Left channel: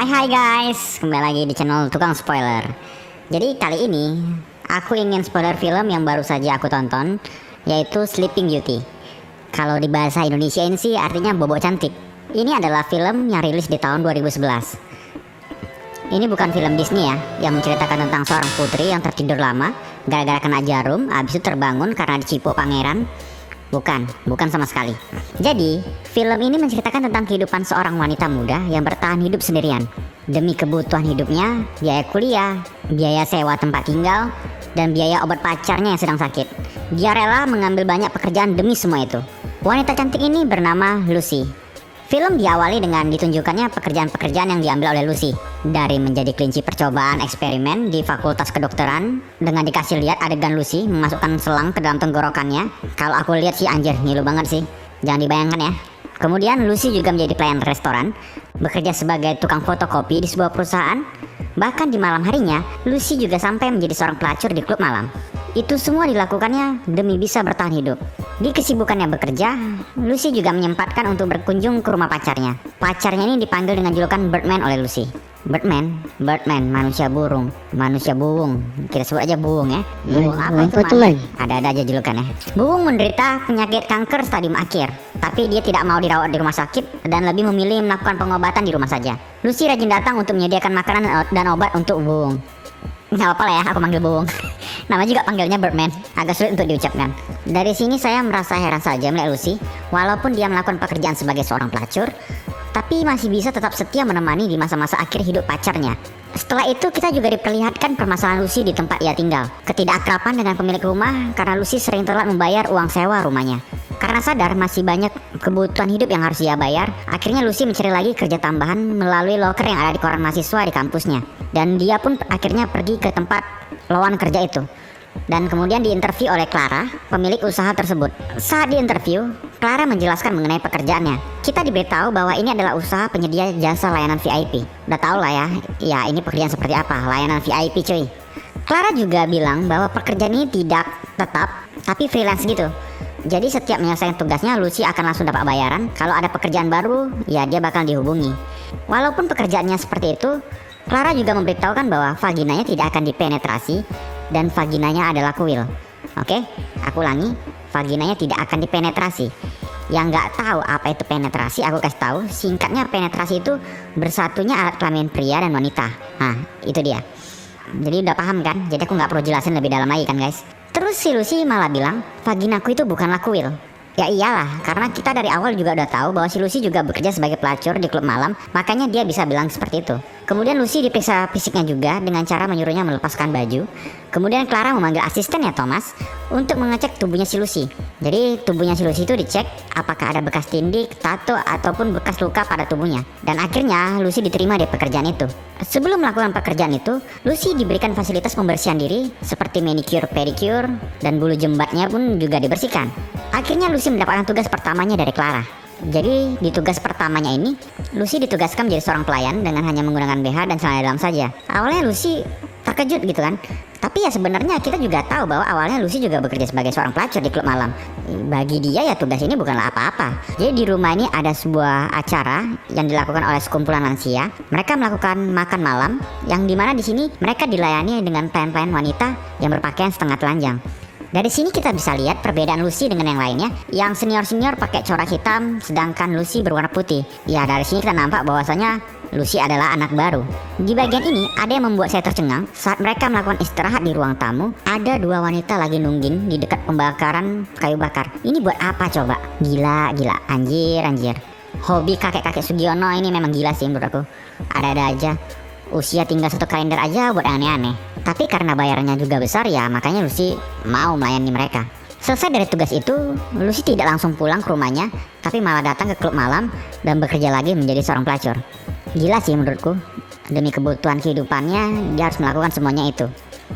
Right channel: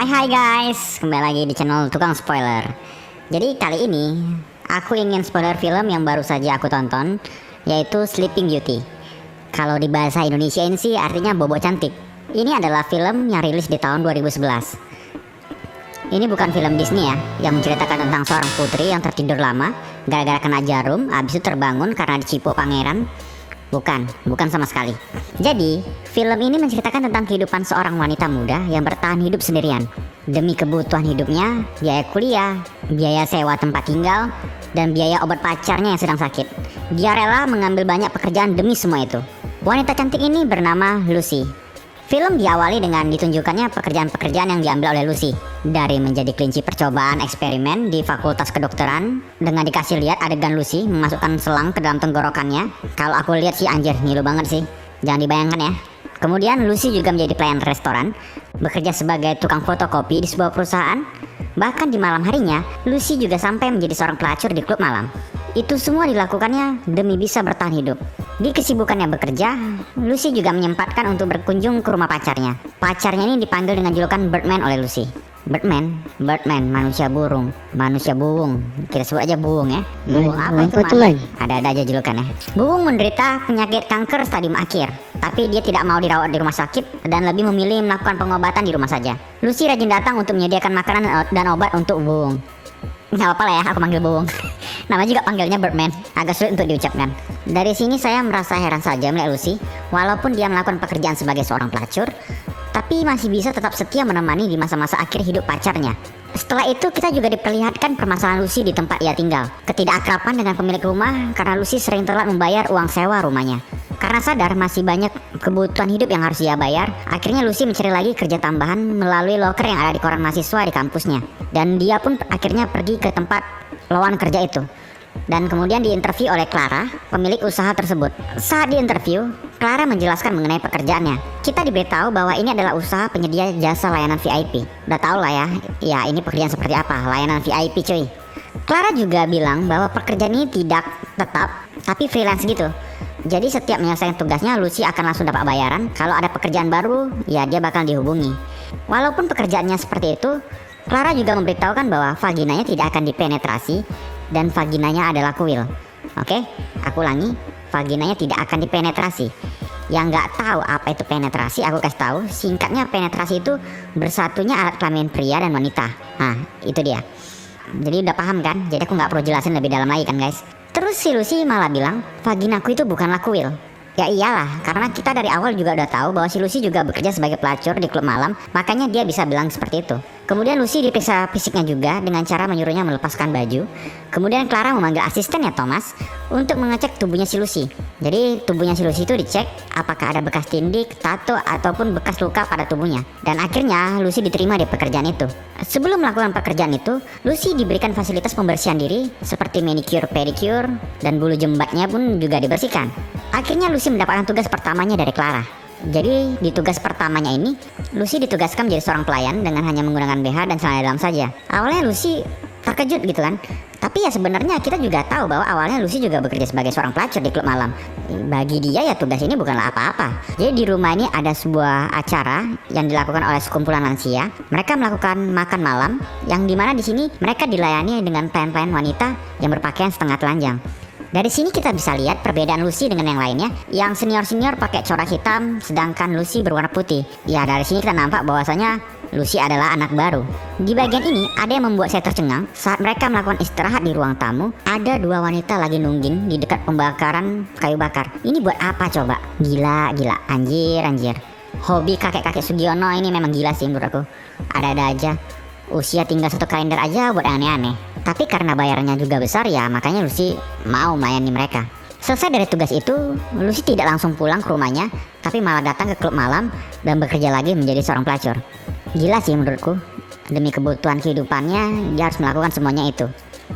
Hai guys, kembali lagi di channel Tukang Spoiler. Jadi kali ini aku ingin spoiler film yang baru saja aku tonton, yaitu Sleeping Beauty. Kalau di bahasa Indonesia ini sih artinya Bobo Cantik. Ini adalah film yang rilis di tahun 2011. Ini bukan film Disney ya, yang menceritakan tentang seorang putri yang tertidur lama gara-gara kena jarum, habis itu terbangun karena dicipu pangeran. Bukan sama sekali. Jadi, film ini menceritakan tentang kehidupan seorang wanita muda yang bertahan hidup sendirian. Demi kebutuhan hidupnya, biaya kuliah, biaya sewa tempat tinggal, dan biaya obat pacarnya yang sedang sakit. Dia rela mengambil banyak pekerjaan demi semua itu. Wanita cantik ini bernama Lucy. Film diawali dengan ditunjukkannya pekerjaan-pekerjaan yang diambil oleh Lucy. Dari menjadi kelinci percobaan eksperimen di Fakultas Kedokteran, dengan dikasih lihat adegan Lucy memasukkan selang ke dalam tenggorokannya. Kalau aku lihat sih anjir, ngilu banget sih. Jangan dibayangkan ya. Kemudian Lucy juga menjadi pelayan restoran, bekerja sebagai tukang fotokopi di sebuah perusahaan. Bahkan di malam harinya, Lucy juga sampai menjadi seorang pelacur di klub malam. Itu semua dilakukannya demi bisa bertahan hidup. Di kesibukannya bekerja, Lucy juga menyempatkan untuk berkunjung ke rumah pacarnya. Pacarnya ini dipanggil dengan julukan Birdman oleh Lucy. Birdman, manusia burung, manusia buung. Kita sebut aja buung ya. Buung apa tuh? Ada aja julukannya. Buung menderita penyakit kanker stadium akhir, tapi dia tidak mau dirawat di rumah sakit dan lebih memilih melakukan pengobatan di rumah saja. Lucy rajin datang untuk menyediakan makanan dan obat untuk buung. Nggak apa-apa lah ya, aku panggil buung. Nama juga panggilnya Birdman, agak sulit untuk diucapkan. Dari sini saya merasa heran saja melihat Lucy, walaupun dia melakukan pekerjaan sebagai seorang pelacur, tapi masih bisa tetap setia menemani di masa-masa akhir hidup pacarnya. Setelah itu kita juga diperlihatkan permasalahan Lucy di tempat ia tinggal. Ketidakakraban dengan pemilik rumah karena Lucy sering telat membayar uang sewa rumahnya. Karena sadar masih banyak kebutuhan hidup yang harus ia bayar, akhirnya Lucy mencari lagi kerja tambahan melalui loker yang ada di koran mahasiswa di kampusnya. Dan dia pun akhirnya pergi ke tempat lowongan kerja itu. Dan kemudian diinterview oleh Clara, pemilik usaha tersebut. Saat diinterview, Clara menjelaskan mengenai pekerjaannya. Kita diberitahu bahwa ini adalah usaha penyedia jasa layanan VIP. Udah tau lah ya ini pekerjaan seperti apa, layanan VIP cuy. Clara juga bilang bahwa pekerjaan ini tidak tetap, tapi freelance gitu. Jadi setiap menyelesaikan tugasnya, Lucy akan langsung dapat bayaran. Kalau ada pekerjaan baru, ya dia bakal dihubungi. Walaupun pekerjaannya seperti itu, Clara juga memberitahukan bahwa vaginanya tidak akan dipenetrasi dan vaginanya adalah kuil. Oke, aku ulangi, vaginanya tidak akan dipenetrasi. Yang nggak tahu apa itu penetrasi, aku kasih tahu. Singkatnya, penetrasi itu bersatunya alat kelamin pria dan wanita. Nah, itu dia. Jadi udah paham kan? Jadi aku nggak perlu jelasin lebih dalam lagi kan guys. Terus si Lucy malah bilang, vaginaku itu bukanlah kuil. Ya iyalah, karena kita dari awal juga udah tahu bahwa si Lucy juga bekerja sebagai pelacur di klub malam, makanya dia bisa bilang seperti itu. Kemudian Lucy diperiksa fisiknya juga dengan cara menyuruhnya melepaskan baju. Kemudian Clara memanggil asistennya Thomas untuk mengecek tubuhnya si Lucy. Jadi tubuhnya si Lucy itu dicek apakah ada bekas tindik, tato, ataupun bekas luka pada tubuhnya. Dan akhirnya Lucy diterima di pekerjaan itu. Sebelum melakukan pekerjaan itu, Lucy diberikan fasilitas pembersihan diri seperti manicure, pedicure, dan bulu jembatnya pun juga dibersihkan. Akhirnya Lucy mendapatkan tugas pertamanya dari Clara. Jadi di tugas pertamanya ini, Lucy ditugaskan menjadi seorang pelayan dengan hanya menggunakan BH dan celana dalam saja. Awalnya Lucy terkejut gitu kan. Tapi ya sebenarnya kita juga tahu bahwa awalnya Lucy juga bekerja sebagai seorang pelacur di klub malam. Bagi dia ya tugas ini bukanlah apa-apa. Jadi di rumah ini ada sebuah acara yang dilakukan oleh sekumpulan lansia. Mereka melakukan makan malam yang dimana di sini mereka dilayani dengan pelayan-pelayan wanita yang berpakaian setengah telanjang. Dari sini kita bisa lihat perbedaan Lucy dengan yang lainnya. Yang senior-senior pakai corak hitam, sedangkan Lucy berwarna putih. Ya dari sini kita nampak bahwasanya Lucy adalah anak baru. Di bagian ini ada yang membuat saya tercengang. Saat mereka melakukan istirahat di ruang tamu, ada dua wanita lagi nungging di dekat pembakaran kayu bakar. Ini buat apa coba? Gila, anjir. Hobi kakek-kakek Sugiono ini memang gila sih menurut aku. Ada-ada aja. Usia tinggal satu kalender aja buat aneh-aneh. Tapi karena bayarannya juga besar ya makanya Lucy mau melayani mereka. Selesai dari tugas itu, Lucy tidak langsung pulang ke rumahnya, tapi malah datang ke klub malam dan bekerja lagi menjadi seorang pelacur. Gila sih menurutku. Demi kebutuhan kehidupannya, dia harus melakukan semuanya itu.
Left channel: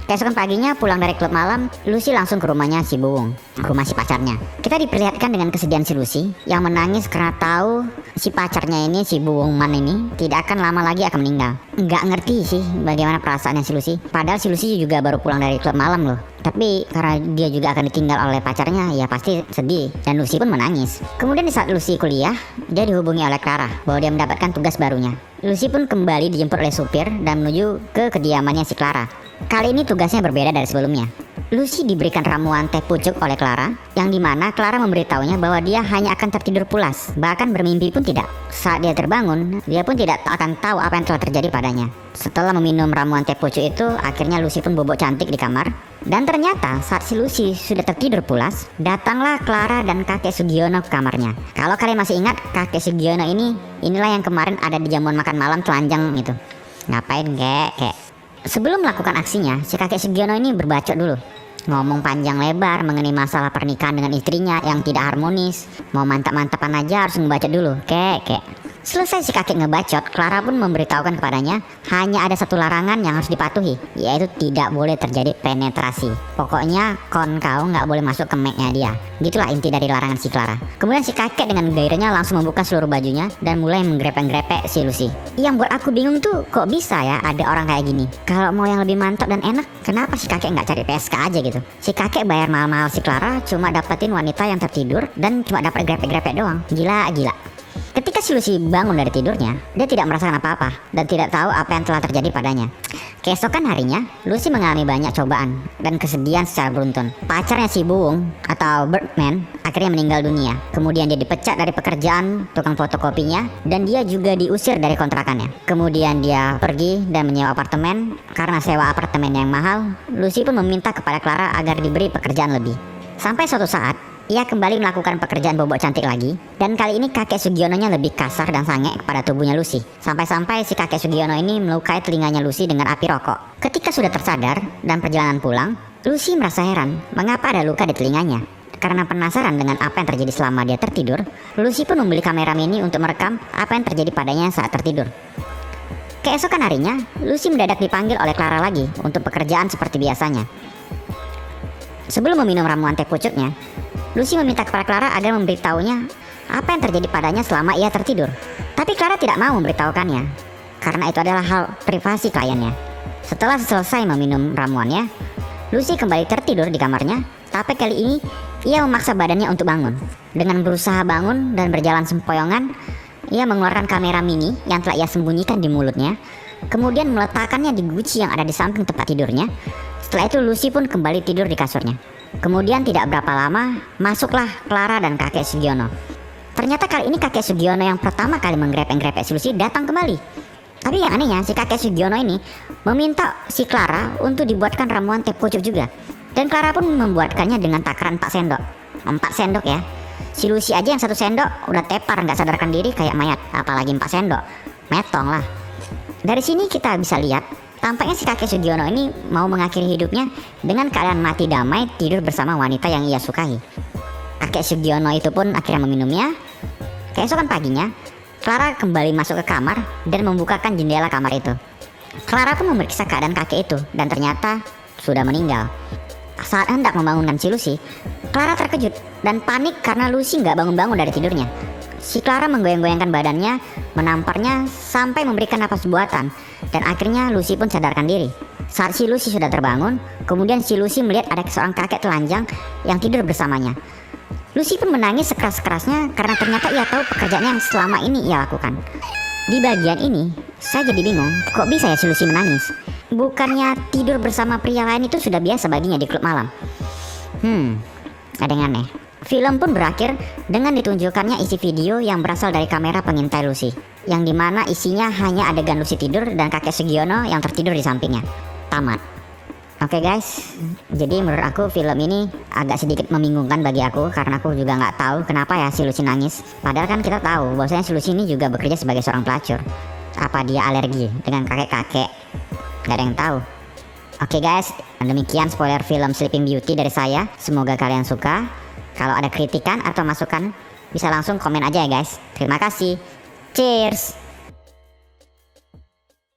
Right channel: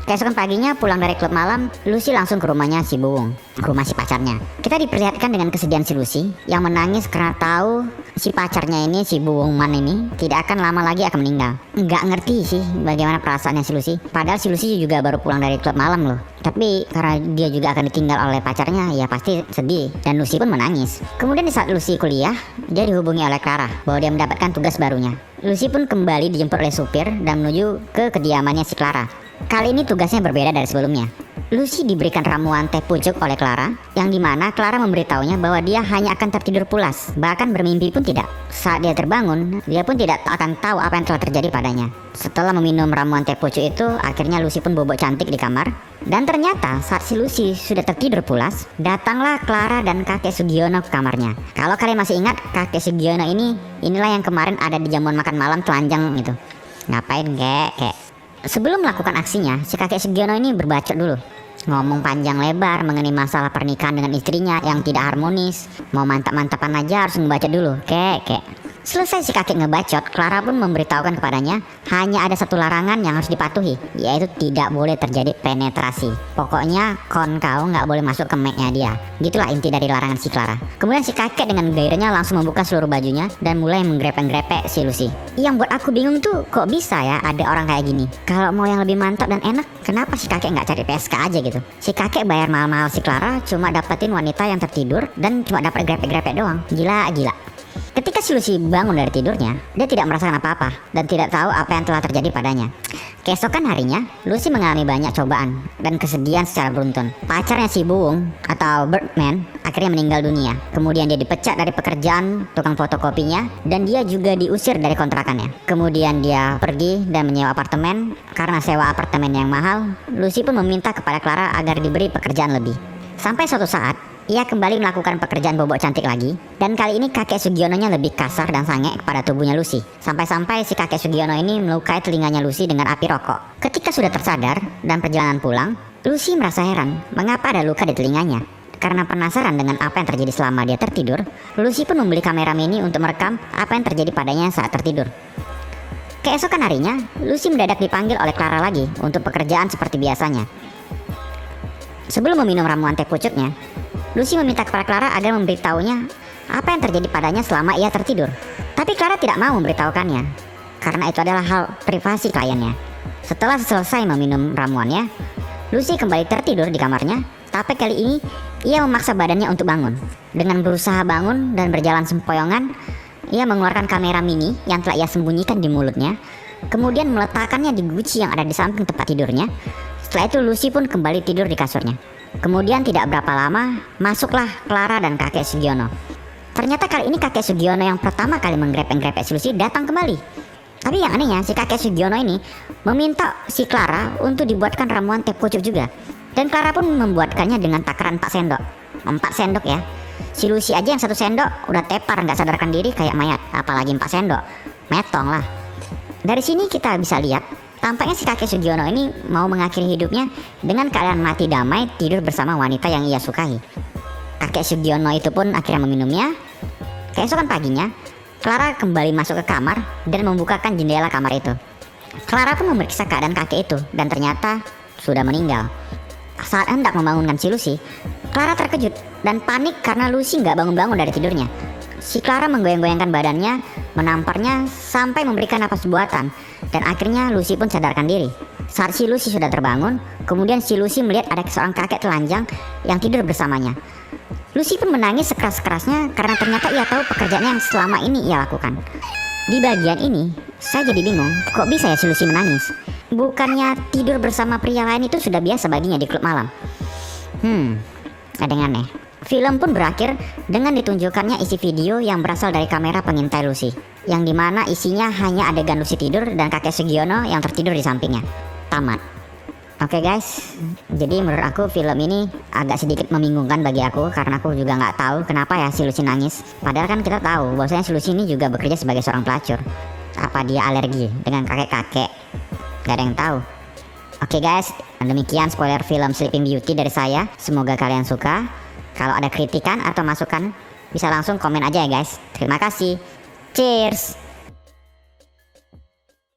Keesokan paginya pulang dari klub malam, Lucy langsung ke rumahnya si Buung, rumah si pacarnya. Kita diperlihatkan dengan kesedihan si Lucy yang menangis karena tahu si pacarnya ini, si Buwung Man ini tidak akan lama lagi akan meninggal. Nggak ngerti sih bagaimana perasaannya si Lucy. Padahal si Lucy juga baru pulang dari klub malam loh. Tapi karena dia juga akan ditinggal oleh pacarnya, ya pasti sedih. Dan Lucy pun menangis. Kemudian di saat Lucy kuliah, dia dihubungi oleh Clara bahwa dia mendapatkan tugas barunya. Lucy pun kembali dijemput oleh supir dan menuju ke kediamannya si Clara. Kali ini tugasnya berbeda dari sebelumnya. Lucy diberikan ramuan teh pucuk oleh Clara, yang dimana Clara memberitahunya bahwa dia hanya akan tertidur pulas, bahkan bermimpi pun tidak. Saat dia terbangun, dia pun tidak akan tahu apa yang telah terjadi padanya. Setelah meminum ramuan teh pucuk itu, akhirnya Lucy pun bobok cantik di kamar. Dan ternyata saat si Lucy sudah tertidur pulas, datanglah Clara dan kakek Sugiono ke kamarnya. Kalau kalian masih ingat, kakek Sugiono inilah yang kemarin ada di jamuan makan malam telanjang gitu. Ngapain kek? Sebelum melakukan aksinya, si kakek Sugiono ini berbacot dulu. Ngomong panjang lebar mengenai masalah pernikahan dengan istrinya yang tidak harmonis. Mau mantap-mantapan aja harus membaca dulu. Kek. Selesai si kakek ngebacot, Clara pun memberitahukan kepadanya hanya ada satu larangan yang harus dipatuhi, yaitu tidak boleh terjadi penetrasi. Pokoknya kau nggak boleh masuk ke make-nya dia. Itulah inti dari larangan si Clara. Kemudian si kakek dengan gairahnya langsung membuka seluruh bajunya dan mulai menggrepek-grepek si Lucy. Yang buat aku bingung tuh, kok bisa ya ada orang kayak gini? Kalau mau yang lebih mantap dan enak, kenapa si kakek nggak cari PSK aja gitu? Si kakek bayar mahal-mahal si Clara cuma dapetin wanita yang tertidur dan cuma dapet grepe-grepe doang. Gila. Ketika si Lucy bangun dari tidurnya, dia tidak merasakan apa-apa dan tidak tahu apa yang telah terjadi padanya. Keesokan harinya, Lucy mengalami banyak cobaan dan kesedihan secara beruntun. Pacarnya si Buwung atau Birdman akhirnya meninggal dunia. Kemudian dia dipecat dari pekerjaan tukang fotokopinya dan dia juga diusir dari kontrakannya. Kemudian dia pergi dan menyewa apartemen. Karena sewa apartemen yang mahal, Lucy pun meminta kepada Clara agar diberi pekerjaan lebih. Sampai suatu saat, ia kembali melakukan pekerjaan bobok cantik lagi. Dan kali ini kakek Sugiononya lebih kasar dan sange kepada tubuhnya Lucy. Sampai-sampai si kakek Sugiono ini melukai telinganya Lucy dengan api rokok. Ketika sudah tersadar dan perjalanan pulang, Lucy merasa heran mengapa ada luka di telinganya. Karena penasaran dengan apa yang terjadi selama dia tertidur, Lucy pun membeli kamera mini untuk merekam apa yang terjadi padanya saat tertidur. Keesokan harinya, Lucy mendadak dipanggil oleh Clara lagi untuk pekerjaan seperti biasanya. Sebelum meminum ramuan teh pucuknya, Lucy meminta kepada Clara agar memberitahunya apa yang terjadi padanya selama ia tertidur. Tapi Clara tidak mau memberitahukannya, karena itu adalah hal privasi kliennya. Setelah selesai meminum ramuannya, Lucy kembali tertidur di kamarnya. Tapi kali ini, ia memaksa badannya untuk bangun. Dengan berusaha bangun dan berjalan sempoyongan, ia mengeluarkan kamera mini yang telah ia sembunyikan di mulutnya. Kemudian meletakkannya di guci yang ada di samping tempat tidurnya. Setelah itu Lucy pun kembali tidur di kasurnya. Kemudian tidak berapa lama, masuklah Clara dan kakek Sugiono. Ternyata kali ini kakek Sugiono yang pertama kali menggrepeng-grepek si Lucy datang kembali. Tapi yang anehnya, si kakek Sugiono ini meminta si Clara untuk dibuatkan ramuan teh pucuk juga. Dan Clara pun membuatkannya dengan takaran 4 sendok. 4 sendok ya. Si Lucy aja yang 1 sendok udah tepar nggak sadarkan diri kayak mayat. Apalagi 4 sendok. Metong lah. Dari sini kita bisa lihat, tampaknya si kakek Sugiono ini mau mengakhiri hidupnya dengan keadaan mati damai tidur bersama wanita yang ia sukai. Kakek Sugiono itu pun akhirnya meminumnya. Keesokan paginya, Clara kembali masuk ke kamar dan membukakan jendela kamar itu. Clara pun memeriksa keadaan kakek itu dan ternyata sudah meninggal. Saat hendak membangunkan si Lucy, Clara terkejut dan panik karena Lucy nggak bangun-bangun dari tidurnya. Si Clara menggoyang-goyangkan badannya, menamparnya sampai memberikan napas buatan, dan akhirnya Lucy pun sadarkan diri. Saat si Lucy sudah terbangun, kemudian si Lucy melihat ada seorang kakek telanjang yang tidur bersamanya. Lucy pun menangis sekeras-kerasnya karena ternyata ia tahu pekerjaan yang selama ini ia lakukan. Di bagian ini, saya jadi bingung, kok bisa ya si Lucy menangis? Bukannya tidur bersama pria lain itu sudah biasa baginya di klub malam? Ada yang aneh. Film pun berakhir dengan ditunjukkannya isi video yang berasal dari kamera pengintai Lucy, yang dimana isinya hanya adegan Lucy tidur dan kakek Sugiono yang tertidur di sampingnya. Tamat. Oke guys, jadi menurut aku film ini agak sedikit membingungkan bagi aku karena aku juga nggak tahu kenapa ya si Lucy nangis. Padahal kan kita tahu bahwasanya si Lucy ini juga bekerja sebagai seorang pelacur. Apa dia alergi dengan kakek-kakek? Gak ada yang tahu. Oke guys, demikian spoiler film Sleeping Beauty dari saya. Semoga kalian suka. Kalau ada kritikan atau masukan, bisa langsung komen aja ya guys. Terima kasih. Cheers.